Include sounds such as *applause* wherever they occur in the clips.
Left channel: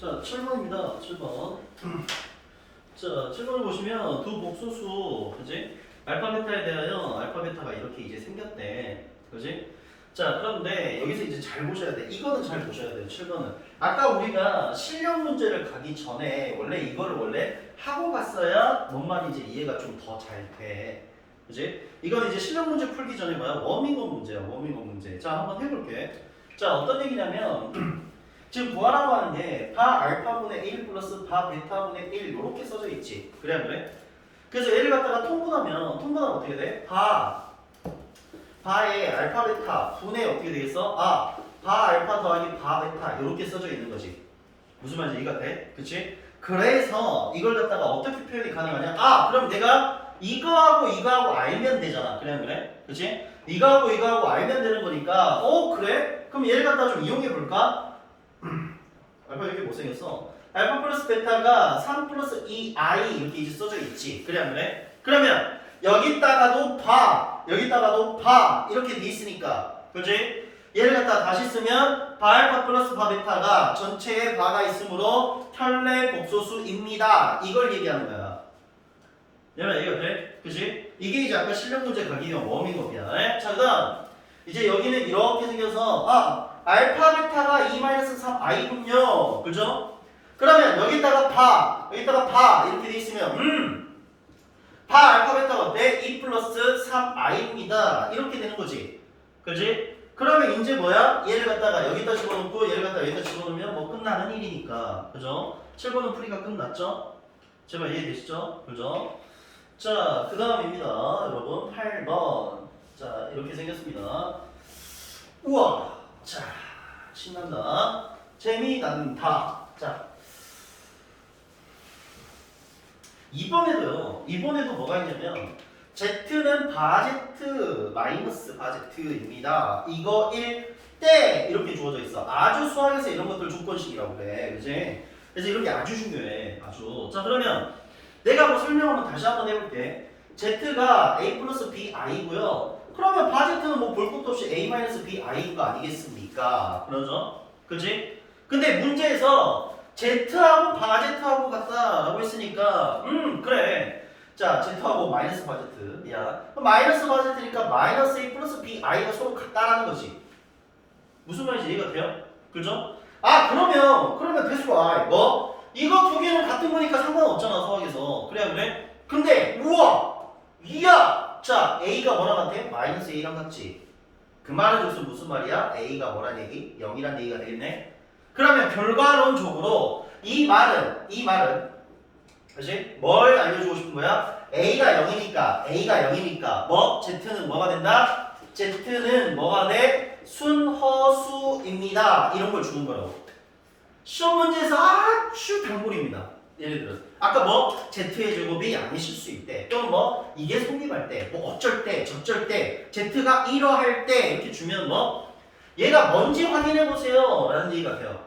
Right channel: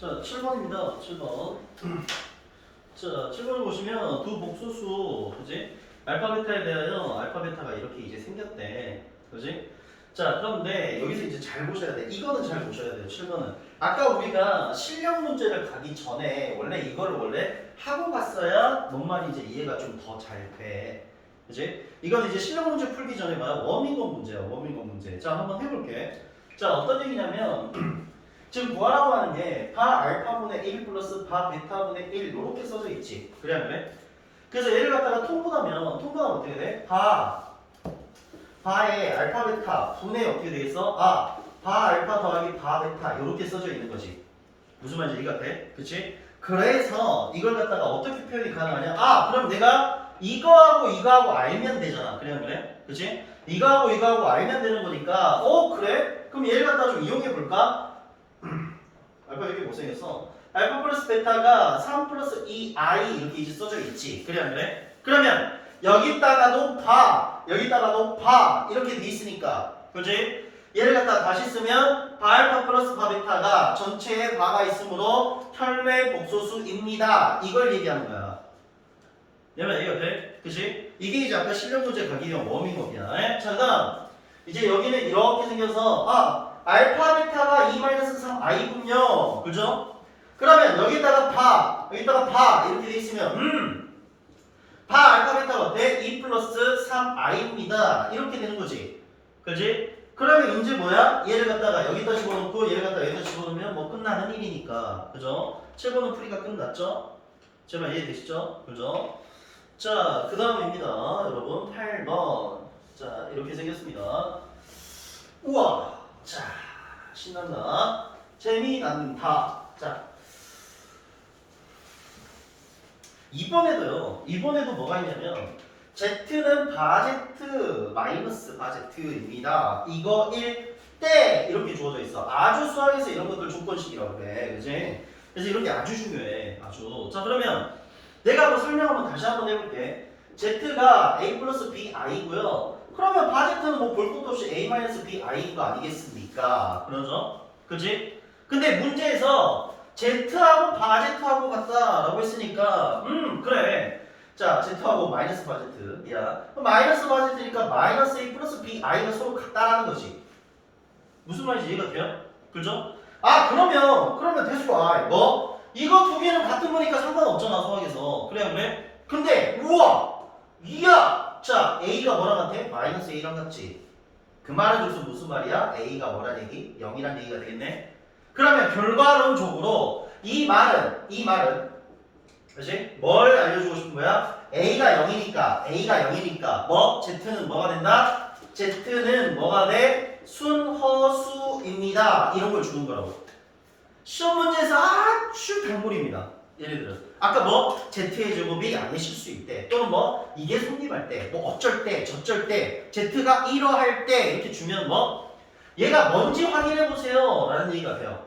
자, 7번입니다. 7번. 자, 7번을 보시면 두 복소수, 그지? 알파 베타에 대하여 알파 베타가 이렇게 이제 생겼대. 그지? 자, 그런데 여기서 이제 잘 보셔야 돼. 이거는 잘 보셔야 돼요. 7번은. 아까 우리가 실력 문제를 가기 전에 원래 이거를 원래 하고 갔어야 뭔 말인지 이해가 좀 더 잘 돼. 그지? 이건 이제 실력 문제 풀기 전에 뭐야? 워밍업 문제야. 워밍업 문제. 자, 한번 해볼게. 자, 어떤 얘기냐면 *clears throat* 지금 구하라고 하는 게바 알파분의 1 플러스 바 베타분의 1 이렇게 써져 있지. 그래 안 그래? 그래서 얘를 갖다가 통분하면 통분하면 어떻게 돼? 바 바의 알파 베타 분의 어떻게 되겠어? 아, 바 알파 더하기 바 베타 이렇게 써져 있는 거지. 무슨 말인지 이해가 돼? 그치? 그래서 이걸 갖다가 어떻게 표현이 가능하냐? 아, 그럼 내가 이거하고 이거하고 알면 되잖아. 그래 안 그래? 그치? 이거하고 이거하고 알면 되는 거니까 어 그래? 그럼 얘를 갖다 좀 이용해 볼까? 알파 여기 못생겼어. 알파 플러스 베타가 3 플러스 2i 이렇게 이제 써져 있지. 그래 안 그래? 그러면 여기다가도 바, 여기다가도 바 이렇게 돼 있으니까, 그지? 얘를 갖다 다시 쓰면 바알파 플러스 바 베타가 전체에 바가 있으므로 혈내 복소수입니다. 이걸 얘기하는 거야. 내가 이해가 돼? 그지? 이게 이제 아까 실력 문제 가기 위한 워밍업이야. 에? 자, 그다음 이제 여기는 이렇게 생겨서 아 알파 베타가 2-3i군요. 그죠? 그러면 여기다가 바, 여기다가 바 이렇게 돼 있으면 음, 바 알파 베타가 어때? 2 플러스 3i입니다. 이렇게 되는 거지. 그지? 그러면 이제 뭐야? 얘를 갖다가 여기다 집어넣고 얘를 갖다가 여기다 집어넣으면 뭐 끝나는 일이니까. 그죠? 7번은 풀이가 끝났죠? 제발 이해되시죠? 그죠? 자, 그 다음입니다. 여러분, 8번. 자, 이렇게 생겼습니다. 우와! 자, 신난다. 재미난다. 자, 이번에도요. 이번에도 뭐가 있냐면 Z는 바제트 마이너스 바제트입니다. 이거 1대 이렇게 주어져 있어. 아주 수학에서 이런 것들 조건식이라고 그래. 그지? 그래서 이런 게 아주 중요해. 아주. 자, 그러면 내가 뭐 설명 한번 다시 한번 해볼게. Z가 A 플러스 B I고요. 그러면 바제트는 뭐 볼 것도 없이 A 마이너스 B I인 거 아니겠습니까? 그러죠? 그지? 근데 문제에서 Z하고 바제트하고 같다라고 했으니까 음 그래. 자 Z하고 마이너스 바제트. 야 마이너스 바제트니까 마이너스 A 플러스 B I가 서로 같다라는 거지. 무슨 말인지 이해가 돼요? 그죠? 아 그러면 그러면 대수가 I 뭐? 이거 두 개는 같은 거니까 상관없잖아 수학에서 그래 안 그래? 근데 우와 이야 자 A가 뭐랑 같아? 마이너스 A랑 같지 그 말은 무슨 말이야? A가 뭐란 얘기? 0이란 얘기가 되겠네 그러면 결과론적으로 이 말은 이 말은 그렇지? 뭘 알려주고 싶은 거야? A가 0이니까 A가 0이니까 뭐? Z는 뭐가 된다? Z는 뭐가 돼? 순허수입니다 이런 걸 주는 거라고 시험 문제에서 아주 단골입니다. 예를 들어 아까 뭐 z의 제곱이 양이실 수 있대 또는 뭐 이게 성립할 때 뭐 어쩔 때 저쩔 때 z가 이러할 때 이렇게 주면 뭐 얘가 뭔지 확인해 보세요. 라는 얘기가 돼요.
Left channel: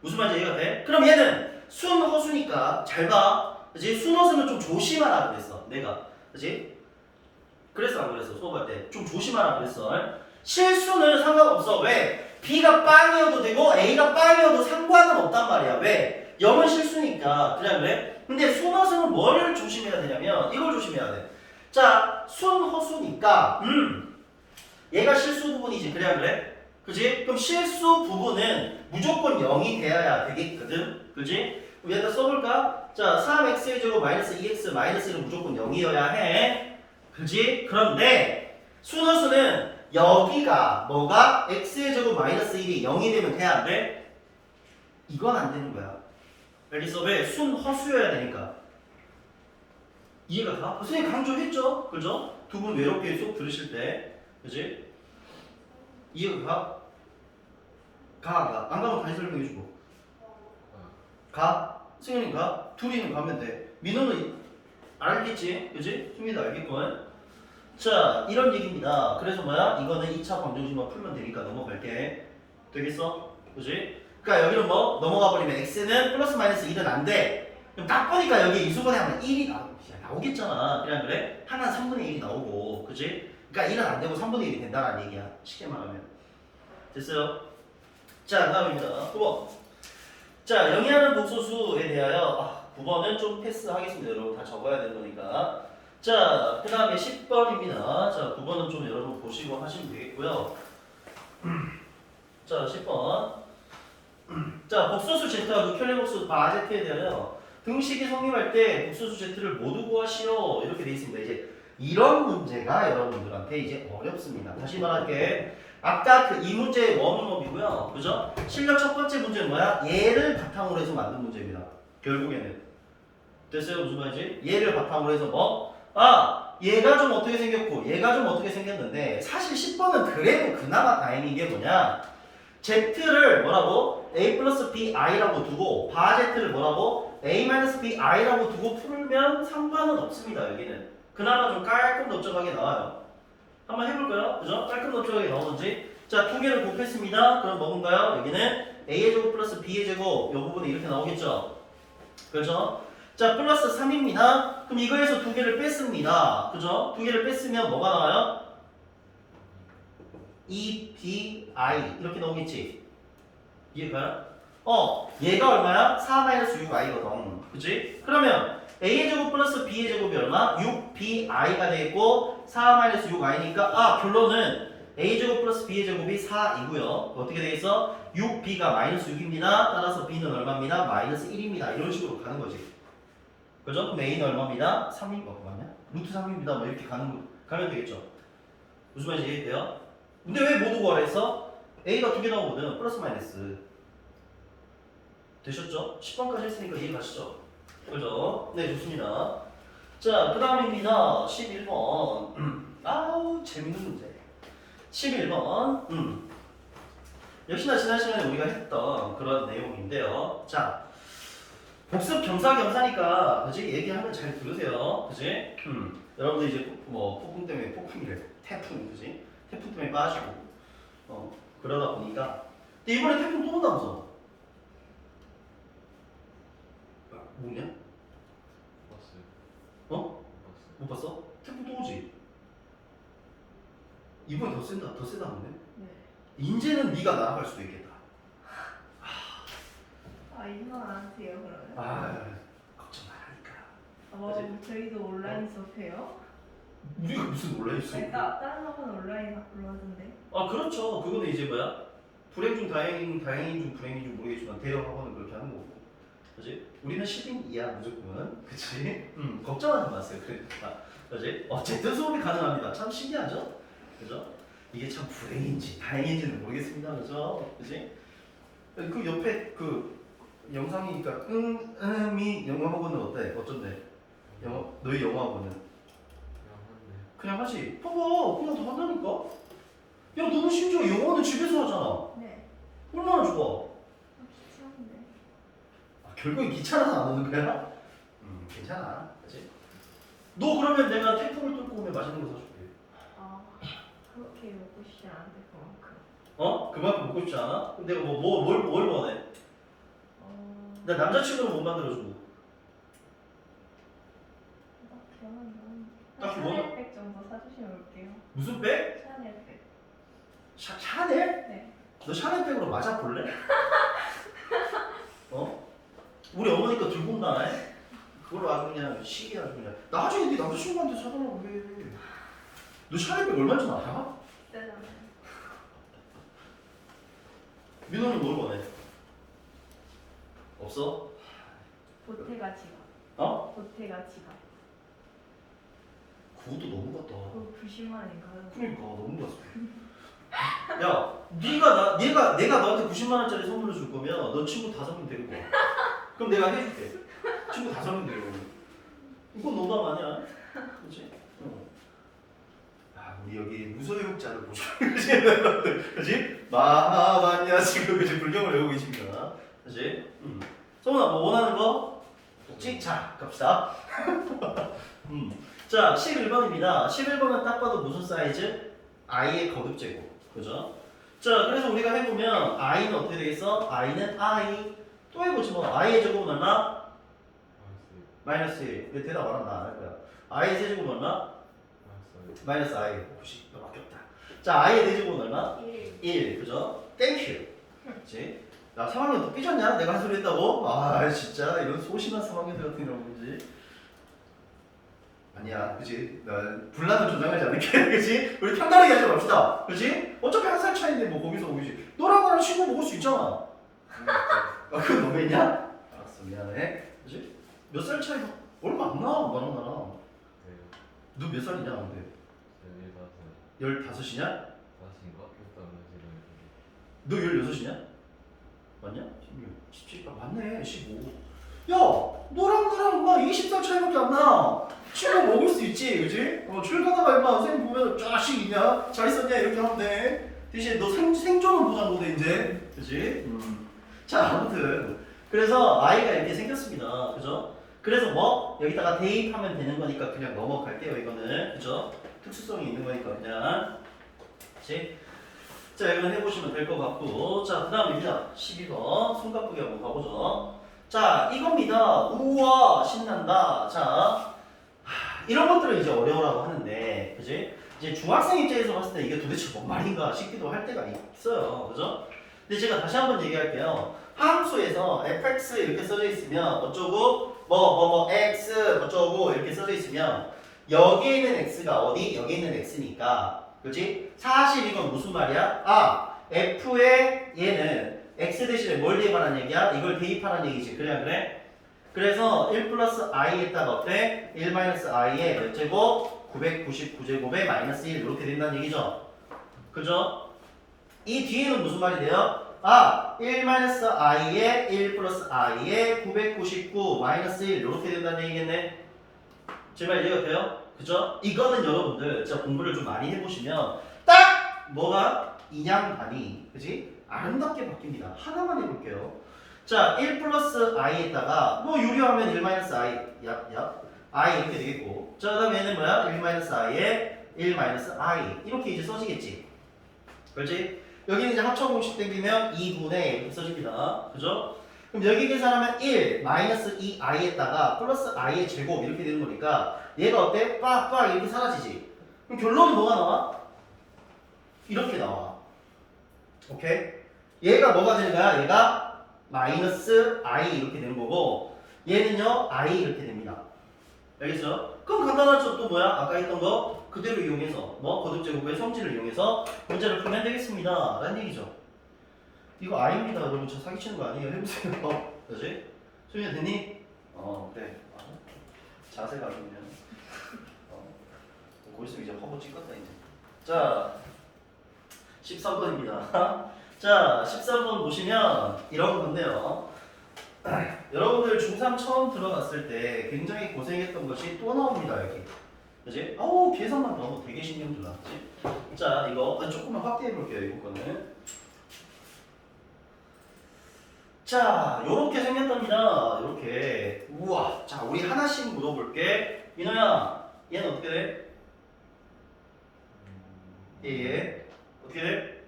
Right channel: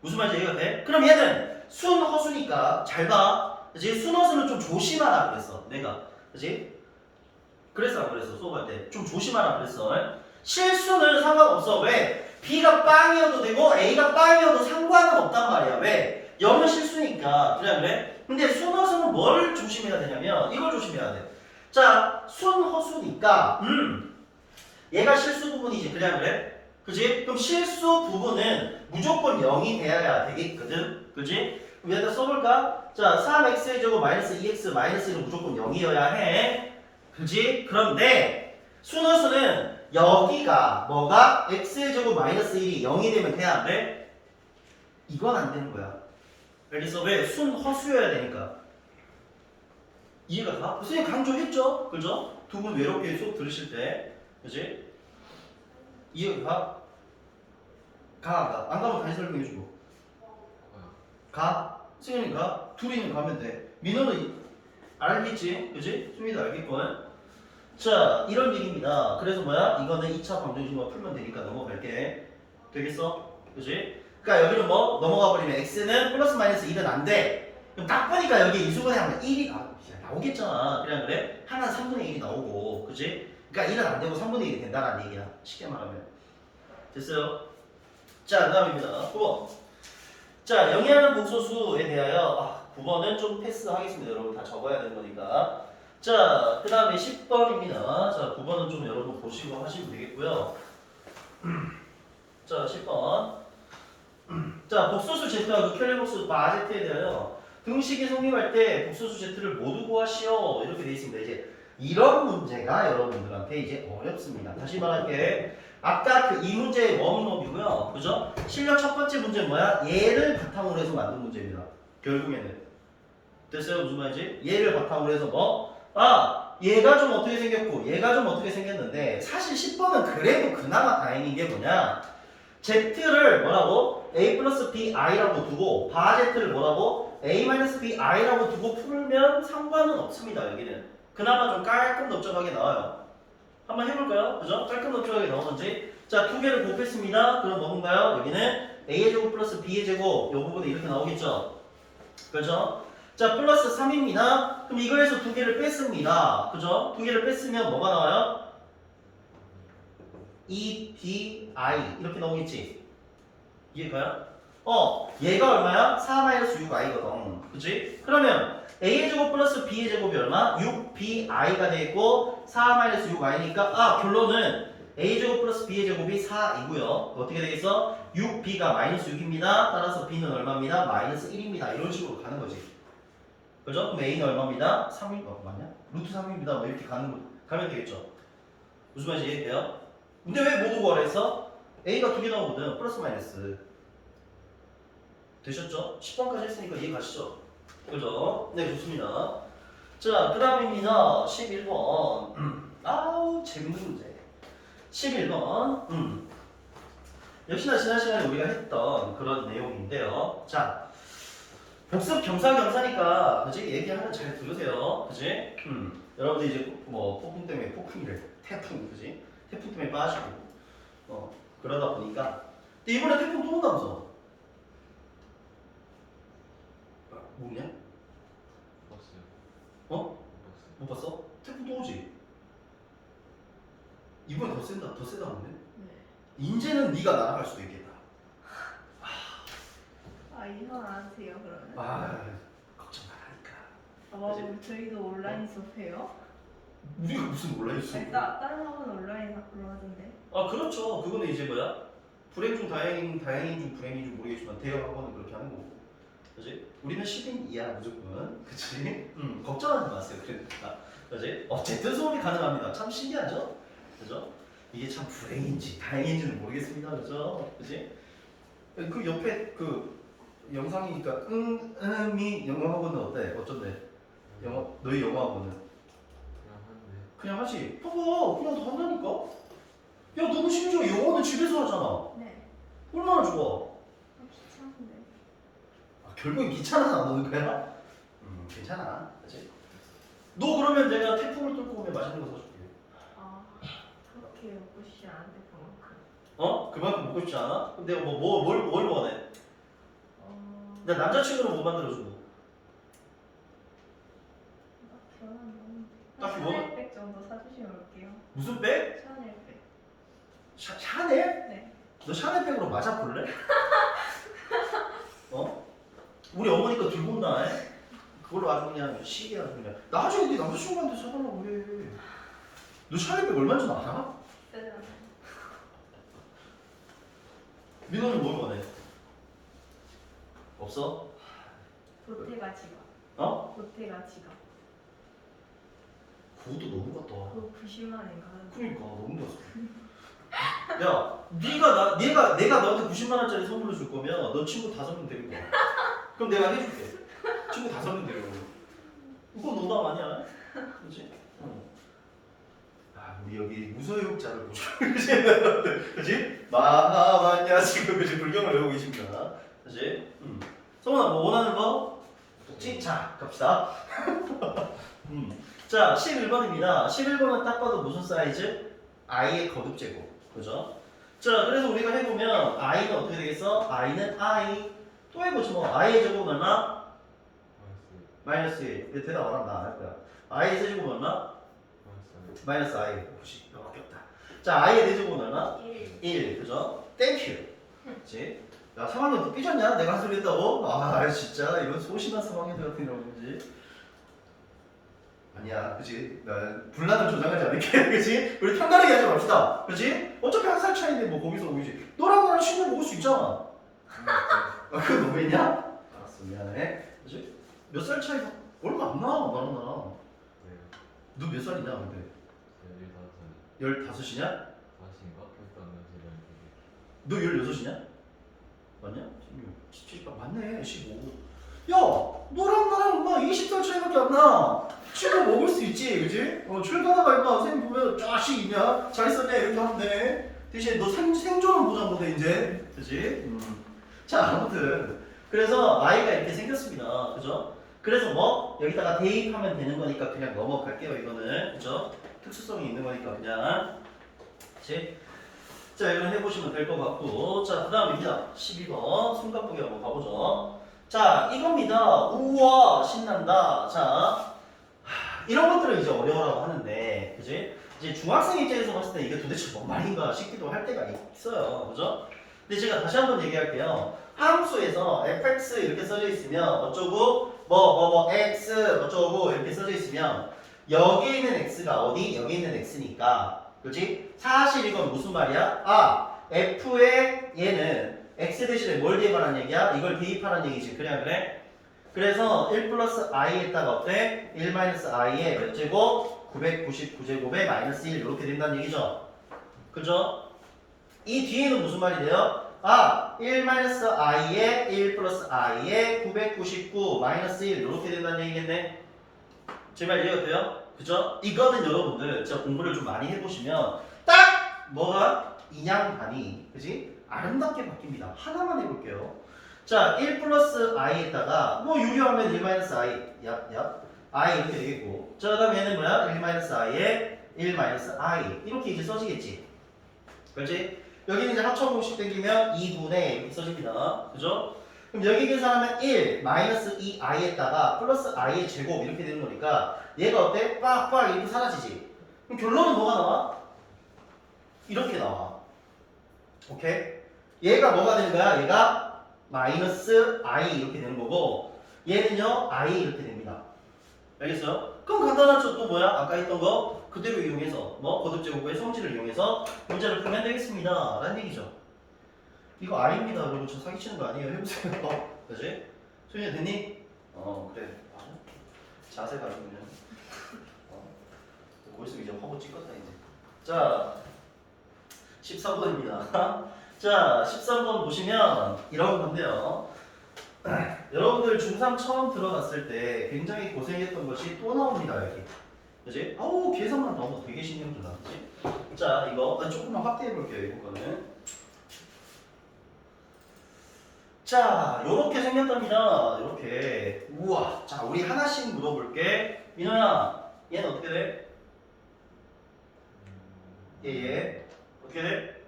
무슨 말인지 이해가 돼? 그럼 얘는 순 허수니까 잘봐. 그지 순 허수는 좀 조심하라 그랬어 내가. 그지 그랬어 안 그랬어 수업할 때. 좀 조심하라 그랬어. 실수는 상관없어. 왜? B가 빵이어도 되고 A가 빵이어도 상관은 없단 말이야. 왜? 0은 실수니까. 그래 그래? 근데 순허수는 뭘 조심해야 되냐면 이걸 조심해야 돼. 자, 순허수니까 음. 얘가 실수 부분이지. 그래 그래? 그지? 그럼 실수 부분은 무조건 0이 되어야 되겠거든. 그지? 그럼 여기다 써볼까? 자, 3x의 제곱 마이너스 2x 마이너스 1은 무조건 0이어야 해. 그지? 그런데 순허수는 여기가 뭐가 x의 제곱 마이너스 1이 0이 되면 돼야 안 돼? 이건 안 되는 거야. 알겠어? 왜? 순 허수여야 되니까. 이해가 가? 선생님 강조했죠? 그죠? 두 분 외롭게 수업 들으실 때. 그지? 이해가 가? 가, 안 가? 안 가면 다시 설명해주고. 가? 승현이 가? 둘이는 가면 돼. 민호는 알겠지? 그지? 승민이도 알겠건. 자, 이런 얘기입니다. 그래서 뭐야? 이거는 2차 방정식만 풀면 되니까 넘어갈게. 되겠어? 그지? 그러니까 여기는 뭐 넘어가 버리면 x는 플러스 마이너스 1은 안 돼. 그럼 딱 보니까 여기 이수분해 하면 1이 나, 나오겠잖아. 그냥 그래? 하나는 3분의 1이 나오고, 그지? 그러니까 1은 안 되고 3분의 1이 된다는 얘기야. 쉽게 말하면. 됐어요? 자, 그 다음입니다. 9번. 자, 영위하는 복소수에 대하여 아, 9번은 좀 패스하겠습니다. 여러분 다 적어야 되는 거니까. 자, 그 다음에 10번입니다. 자, 9번은 좀 여러분 보시고 하시면 되겠고요. 자, 10번. 자, 복소수 Z와 극혈의 복수 바제트에 대하여 등식이 성립할 때 복소수 Z를 모두 구하시오. 이렇게 돼 있습니다. 이제 이런 문제가 여러분들한테 이제 어렵습니다. 다시 말할게. 아까 그 이 문제의 워밍업이고요. 그죠? 실력 첫 번째 문제는 뭐야? 얘를 바탕으로 해서 만든 문제입니다. 결국에는. 됐어요? 무슨 말이지? 얘를 바탕으로 해서 뭐? 아! 얘가 좀 어떻게 생겼고 얘가 좀 어떻게 생겼는데 사실 10번은 그래도 그나마 다행인 게 뭐냐? Z를 뭐라고? A 플러스 BI라고 두고 바 Z를 뭐라고? A 마이너스 BI라고 두고 풀면 상관은 없습니다. 여기는. 그나마 좀 깔끔 넓적하게 나와요. 한번 해볼까요? 그죠? 깔끔 넓적하게 나오는지. 자, 두 개를 곱했습니다. 그럼 뭔가요? 여기는 A의 제곱 플러스 B의 제곱. 이 부분이 이렇게 나오겠죠? 그렇죠? 자, 플러스 3입니다. 그럼 이거에서 두 개를 뺐습니다. 그죠? 두 개를 뺐으면 뭐가 나와요? E, B, I. 이렇게 나오겠지? 이해가요? 어, 얘가 얼마야? 4-6i거든. 그치? 그러면 a의 제곱 플러스 b의 제곱이 얼마? 6bi가 되겠고 4-6i니까 아 결론은 a 제곱 플러스 b의 제곱이 4이고요. 어떻게 되겠어? 6b가 마이너스 6입니다. 따라서 b는 얼마입니다? 마이너스 1입니다. 이런 식으로 가는 거지. 그죠? 그럼 a는 얼마입니다? 3인 거 맞냐? 루트 3입니다. 뭐 이렇게 가는 거 가면 되겠죠. 무슨 말인지 이해돼요? 근데 왜 모두 구하라 했어? A가 두 개 나오거든. 플러스 마이너스. 되셨죠? 10번까지 했으니까 이해 가시죠? 그죠? 네, 좋습니다. 자, 그 다음입니다. 11번. 아우, 재밌는 문제. 11번. 음. 역시나 지난 시간에 우리가 했던 그런 내용인데요. 자, 복습 겸사겸사니까, 그지? 얘기하면 잘 들으세요. 그지? 음. 여러분들 이제 뭐 폭풍 때문에 폭풍이래. 태풍, 그지? 태풍 때문에 빠지고, 어, 그러다 보니까. 근데 이번에 태풍 또 온다면서. 아, 뭐냐? 버스. 어? 버스. 못 봤어? 태풍 또 오지? 이번에 더 센다, 더 세다 보네. 네. 인제는 네가 날아갈 수도 있겠다. 아 이거 안 하세요 그러면? 아, 걱정 말라니까. 아, 뭐 저희도 온라인 수업해요? 우리가 무슨 온라인 수업? 네, 따, 다른 학원 온라인 하던데. 아, 그렇죠. 그거는 이제 뭐야? 불행 중 다행인 다행인 중 불행인 줄 모르겠지만 대형 학원은 그렇게 하는 거고. 그지? 우리는 10인 이하 무조건. 그치? 음, 걱정하지 마세요. 그러니까. 그지? 어쨌든 수업이 가능합니다. 참 신기하죠? 그죠? 이게 참 불행인지 다행인지는 모르겠습니다. 그죠? 그지? 그 옆에 그 영상이니까 응, 음이 영어 학원은 어때? 어쩐데? 영어 너희 영어 학원은 그냥 한데. 그냥 하지. 봐봐, 그냥 다 한다니까. 야, 너는 심지어 영어는 집에서 하잖아. 네. 얼마나 좋아. 귀찮은데. 아, 결국엔 귀찮아서 안 오는 거야? 음, 괜찮아. 그치? 너 그러면 내가 태풍을 뚫고 오면 맛있는 거 사줄게. 아 그렇게 먹고 싶지 않은데 그만큼. 어? 그만큼 먹고 싶지 않아? 그럼 내가 뭐, 뭐, 뭘, 뭘 원해? 어. 나 남자친구는 못 만들어주고. 딱히 원하는 건. 딱히 뭐? 샤넬백 정도 사주시면 올게요. 무슨 백? 샤넬백. 샤, 샤넬? 네. 너 샤넬 백으로 맞아 볼래? *laughs* 어? 우리 어머니가 들고 온다. 에? 그걸로 아주 그냥 시계 아주 그냥. 나중에 네 남자친구한테 사달라고 해. 너 샤넬 백 얼마인지 알아? 비싸잖아요. 민호는 뭘 원해? 없어? 보태가 지갑. 어? 보태가 지갑. 그것도 너무 같다. 그거 90만 원인가? 그러니까 너무 같아. 야, 네가 나, 내가 내가 너한테 90만 원짜리 선물을 줄 거면 너 친구 다섯 명 데리고 와. 그럼 내가 해줄게. 친구 다섯 명 데리고. 와. 이건 농담 아니야? 그렇지? 어. 아, 우리 여기 무소유자를 보죠. *laughs* 그렇지? 그렇지? 마하반야 지금 그지 불경을 외우고 계십니다. 그렇지? 음. 성훈아, 뭐 원하는 거? 찍. 자, 갑시다. *laughs* 음. 자, 11번입니다. 11번은 딱 봐도 무슨 사이즈? i의 거듭제곱. 그죠? 자, 그래서 우리가 해보면 i는 어떻게 되겠어? i는 i. 또 해보지 뭐. i의 제곱은 얼마? 마이너스 1. 왜 대답 안 한다? 안할 거야. i의 세제곱은 얼마? 마이너스 i. 90. 너밖에 없다. 자, i의 대제곱은 얼마? 1. 1. 그죠? 땡큐. 그치? 야 3학년 또 삐졌냐? 내가 한 소리 했다고? 아 진짜 이건 소심한 3학년들 같은 경우지 아니야 그지? 난 분란은 조장하지 않을게 *laughs* 그지? 우리 편안하게 하지 맙시다 그지? 어차피 한 살 차이인데 뭐 거기서 거기지 너랑 나랑 친구 먹을 수 있잖아 아 그거 너무했냐? 알았어 미안해 그지? 몇 살 차이가 얼마 안 나, 나랑 왜요? 너몇 살이냐 근데? 열다섯 15이냐? 다섯인가? 너 16이냐? 맞냐? 16, 17, 아 맞네 15 야! 너랑 나랑 엄마 20살 차이밖에 안 나! 친구 먹을 수 있지 그지? 어 출가다가 임마 선생님 보면 자식 있냐? 잘 있었냐? 이렇게 하면 돼 대신 너 생, 생존은 보장 못해 이제 그지? 음. 자 아무튼 그래서 아이가 이렇게 생겼습니다 그죠? 그래서 뭐 여기다가 대입하면 되는 거니까 그냥 넘어갈게요 이거는 그죠? 특수성이 있는 거니까 그냥 그치? 자 이거는 해보시면 될 것 같고 자 그 다음입니다 12번 손가쁘게 한번 가보죠 자 이겁니다 우와 신난다 자 하, 이런 것들을 이제 어려워라고 하는데 그지? 이제 중학생 입장에서 봤을 때 이게 도대체 뭔 말인가 싶기도 할 때가 있어요 그죠? 근데 제가 다시 한번 얘기할게요 함수에서 fx 이렇게 써져 있으면 어쩌고 뭐 뭐 뭐 x 어쩌고 이렇게 써져 있으면 여기에 있는 x가 어디? 여기 있는 x니까 그지? 사실 이건 무슨 말이야? 아 f의 얘는 x 대신에 뭘 대입하라는 얘기야? 이걸 대입하라는 얘기지 안 그래? 그래서 1 플러스 i에다가 어때? 1 마이너스 i에 몇 제곱? 999제곱에 마이너스 1 이렇게 된다는 얘기죠 그죠? 이 뒤에는 무슨 말이 돼요? 아, 1 마이너스 i에 1 플러스 i에 999 마이너스 1 이렇게 된다는 얘기겠네. 제 말 이해가 돼요? 그죠? 이거는 여러분들 진짜 공부를 좀 많이 해보시면 딱 뭐가 인양반이 그지? 아름답게 바뀝니다. 하나만 해볼게요. 자, 1 플러스 i에다가 뭐 유료하면 1 마이너스 i 야, i 이렇게 되겠고 자, 그 다음 얘는 뭐야? 1 마이너스 i에 1 마이너스 i 이렇게 이제 써지겠지. 그렇지? 여기는 이제 합쳐 공식 땡기면 2분의 이렇게 써집니다. 그죠? 그럼 여기 계산하면 1 마이너스 2i에다가 플러스 i의 제곱 이렇게 되는 거니까 얘가 어때? 빡빡 이렇게 사라지지. 그럼 결론은 뭐가 나와? 이렇게 나와. 오케이? 얘가 뭐가 되는 거야? 얘가 마이너스 i 이렇게 되는 거고 얘는요 i 이렇게 됩니다. 알겠어요? 그럼 간단하죠 또 뭐야? 아까 했던 거 그대로 이용해서 뭐 거듭제곱의 성질을 이용해서 문제를 풀면 되겠습니다. 라는 얘기죠. 이거 아닙니다. 여러분 저 사기치는 거 아니에요. 해보세요. *laughs* 그지? 소윤이 됐니? 어 그래. 아, 자세가 아주 그냥 어, 거기서 이제 허브 찍었다 이제. 자 14번입니다. *laughs* 자 13번 보시면 이런 건데요. *clears throat* 여러분들 중3 처음 들어갔을 때 굉장히 고생했던 것이 또 나옵니다 여기 그지? 아우 계산만 봐도 되게 신경 들어 그지? 자 이거 조금만 확대해 볼게요 이거는 자 요렇게 생겼답니다 요렇게 우와 자 우리 하나씩 물어볼게 민호야 얘는 어떻게 돼? 얘 얘 어떻게 돼?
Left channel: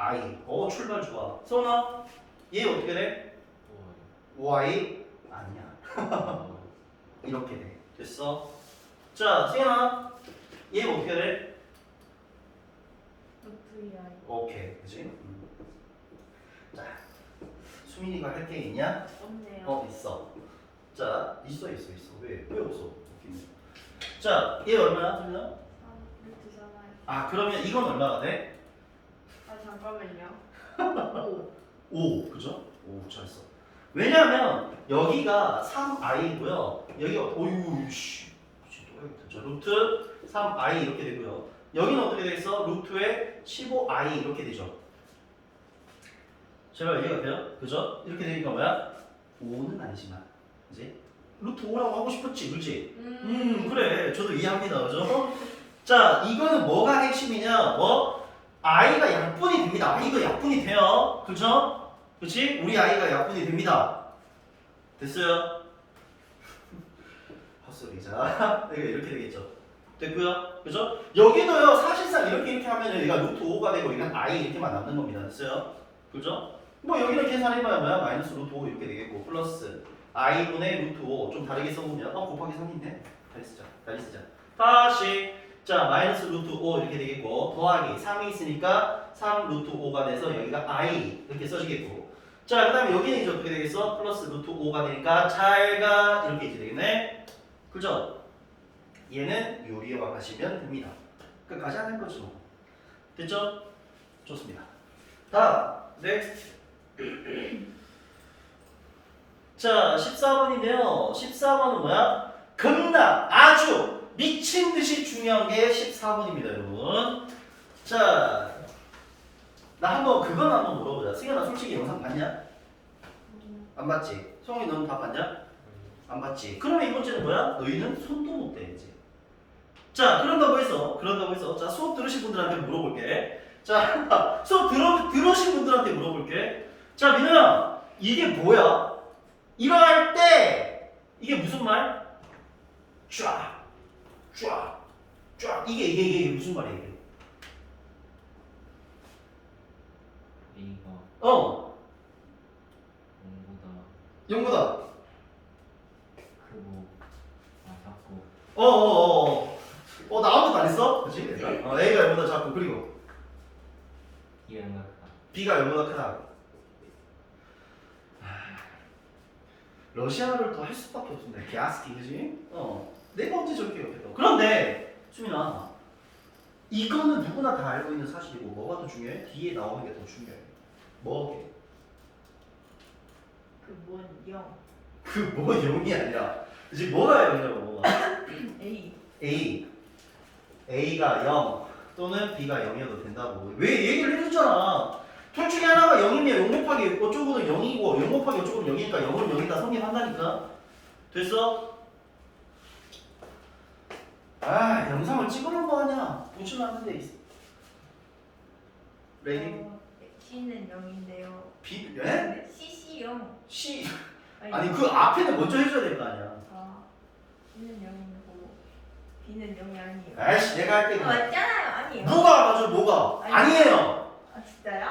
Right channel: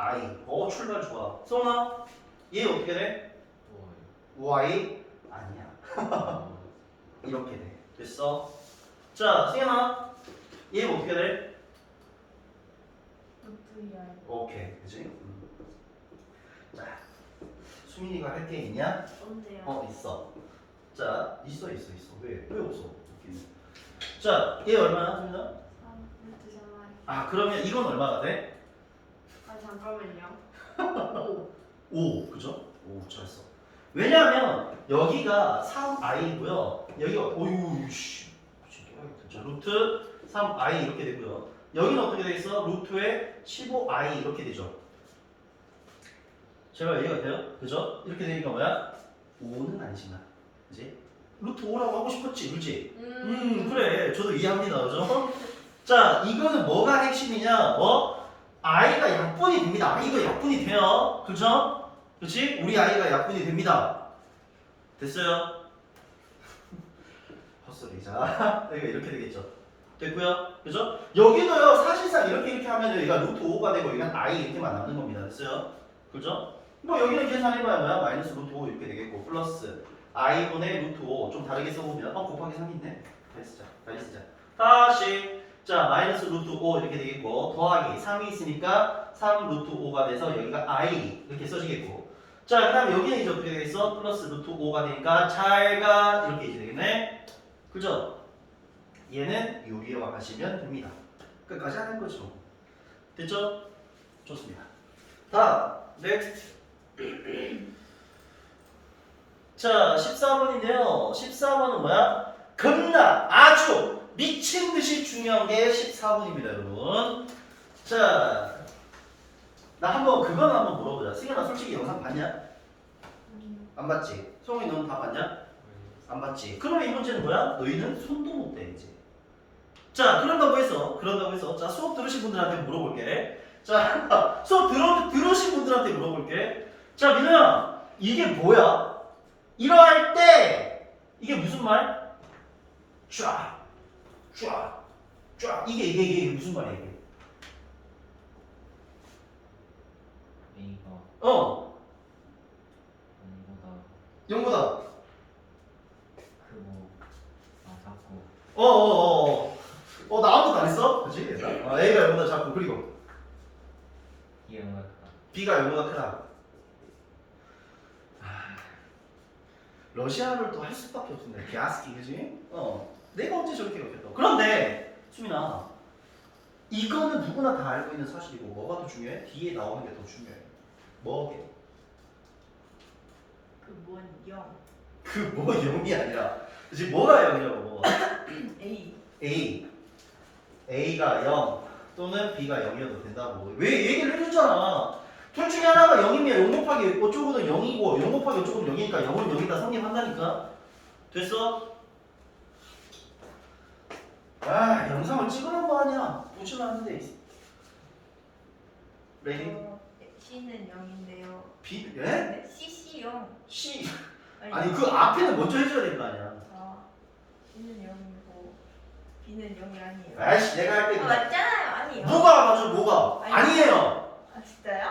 I 어 출발 좋아 소은아 얘 어떻게 돼? Y 아니야 *laughs* 이렇게 돼 됐어 자 승현아 얘 어떻게 돼? 루트야. 오케이 그지? 음. 자 수민이가 할 게 있냐? 언제요? 어 있어 자 있어 있어 있어 왜? 왜 없어? 자얘 얼마야 수민아? 아. 아 그러면 이건 얼마가 돼? 아 잠깐만요. 5 그죠? 5 잘했어 왜냐하면 여기가 3i고요 여기가 어유 씨 자, 루트 3i 이렇게 되고요 여기는 어떻게 되겠어? 루트에 15i 이렇게 되죠 제발 이해가 돼요? 그죠? 이렇게 되니까 뭐야? 5는 아니지만 그지? 루트 5라고 하고 싶었지 그지? 음 그래 저도 이해합니다 그죠? 자 이거는 뭐가 핵심이냐 뭐? I가 약분이 됩니다 i가 약분이 돼요 그죠? 그치? 우리 아이가 약분이 됩니다. 됐어요? *laughs* 헛소리자. 이거 *laughs* 이렇게 되겠죠. 됐고요. 그죠? 여기도요. 사실상 이렇게 이렇게 하면 얘가 루트 5가 되고 이건 i 이렇게만 남는 겁니다. 됐어요? 그죠? 뭐 여기는 계산해봐야 뭐야? 마이너스 루트 5 이렇게 되겠고 플러스 i분의 루트 5 좀 다르게 써보면 어 곱하기 3인데? 다시 쓰자. 다시 쓰자. 다시 자 마이너스 루트 5 이렇게 되겠고 더하기 3이 있으니까 3 루트 5가 돼서 여기가 i 이렇게 써지겠고 자, 그 다음에 여기는 이제 어떻게 되겠어? 플러스 루트 5가 되니까 잘가 이렇게 이제 되겠네. 그죠? 얘는 요리와 가시면 됩니다. 끝까지 하는 거죠. 됐죠? 좋습니다. 다음, next. 자, 14번인데요. 14번은 뭐야? 겁나 아주 미친 듯이 중요한 게 14번입니다, 여러분. 자, 나 한번 그건 한번 물어보자. 승현아 솔직히 영상 봤냐? 안 봤지? 성훈이 너는 다 봤냐? 안 봤지? 그러면 이 문제는 뭐야? 너희는 손도 못 대야지. 자, 그런다고 해서 그런다고 해서 자 수업 들으신 분들한테 물어볼게. 자, *laughs* 수업 들어 들으신 분들한테 물어볼게. 자, 민호야, 이게 뭐야? 이러할 때 이게 무슨 말? 쫙, 쫙, 쫙. 이게 이게 이게 무슨 말이야 이게? A가 어, 0보다 영보다. 크고 아 작고 어, 어, 어, 어. 어, 나 아무것도 안 했어? 그치? 어, A가 0보다 작고, 그리고 B가 0보다 크다 B가 0보다 크다. 아, 러시아어를 또할 수밖에 없습니다. 비아스키, 그지? 어. 내가 언제 저렇게 옆에서. 그런데, 수민아, 이거는 누구나 다 알고 있는 사실이고, 뭐가 더 중요해? 뒤에 나오는 게 더 중요해. 뭐게? 그뭔 영. 그뭐 0이 아니라, 그치? 뭐가 0이라고, 뭐가? *clears throat* A. A A가 0 또는 B가 0이어도 된다고 왜 얘기를 해줬잖아 둘 중에 하나가 0이면 0 곱하기 어쩌고는 0이고 0 곱하기 어쩌고는 0이니까 0은 0이다 성립한다니까 됐어? 아 영상을 찍으면 뭐하냐 보지만 하는데 레디? 어, C는 0인데요. B? 예? 네? CC 0. C 아니 그 앞에는 먼저 해줘야 될 거 아니야 아, C는 0이고 B는 0이 아니에요. 아이씨 내가 할때 아, 맞잖아요. 아니에요. 뭐가 맞아 뭐가 아니. 아니에요 아 진짜요?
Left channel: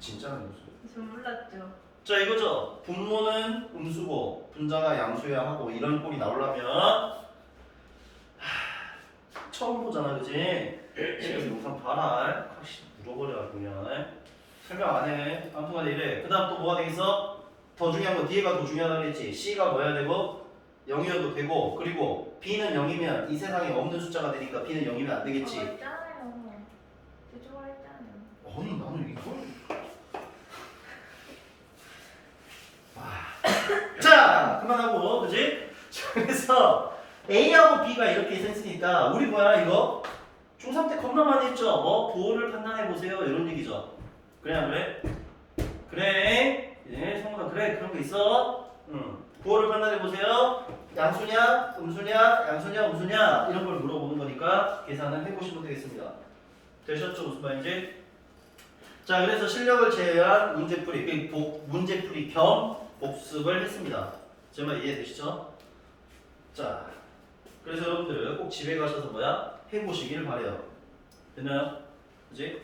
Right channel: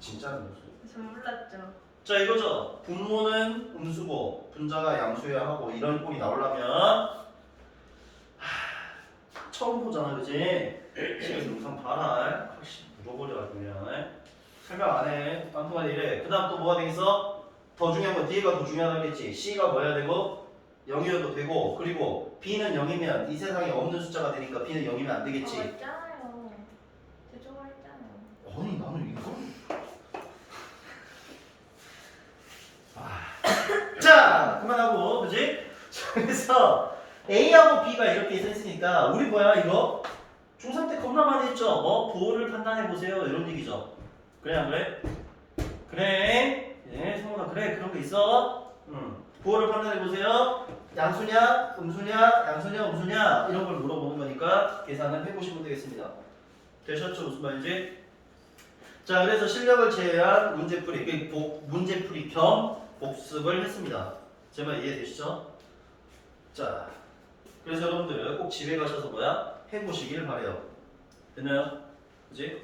진짜는 무슨 저 몰랐죠. 자 이거죠. 분모는 음수고 분자가 양수여야 하고 이런 꼴이 나오려면 하, 처음 보잖아, 그지? 집에서 영상 봐라. 확실히 물어버려 그냥 설명 안 해. 아무튼간에 이래. 그 다음 또 뭐가 되겠어? 더 중요한 건 뒤에가 더 중요하다고 했지. C가 뭐야 되고 0이어도 되고 그리고 B는 0이면 이 세상에 없는 숫자가 되니까 B는 0이면 안 되겠지. 아, 맞잖아요. 대조했잖아요. 아니 나는 이거 아. 자 그만하고 그지? 자, 그래서 A하고 B가 이렇게 했으니까 우리 뭐야 이거? 중3 때 겁나 많이 했죠? 뭐 부호를 판단해 보세요. 이런 얘기죠. 그래 안 그래? 그래? 예 성분아 그래. 그런 거 있어? 응. 부호를 판단해 보세요. 양수냐? 음수냐? 양수냐? 음수냐? 이런 걸 물어보는 거니까 계산을 해보시면 되겠습니다. 되셨죠? 무슨 말인지? 자, 그래서 실력을 제외한 문제풀이, 그 복, 문제풀이 겸 복습을 했습니다. 제 말 이해되시죠? 자, 그래서 여러분들 꼭 집에 가셔서 뭐야? 해보시길 바래요. 됐나요? 그지?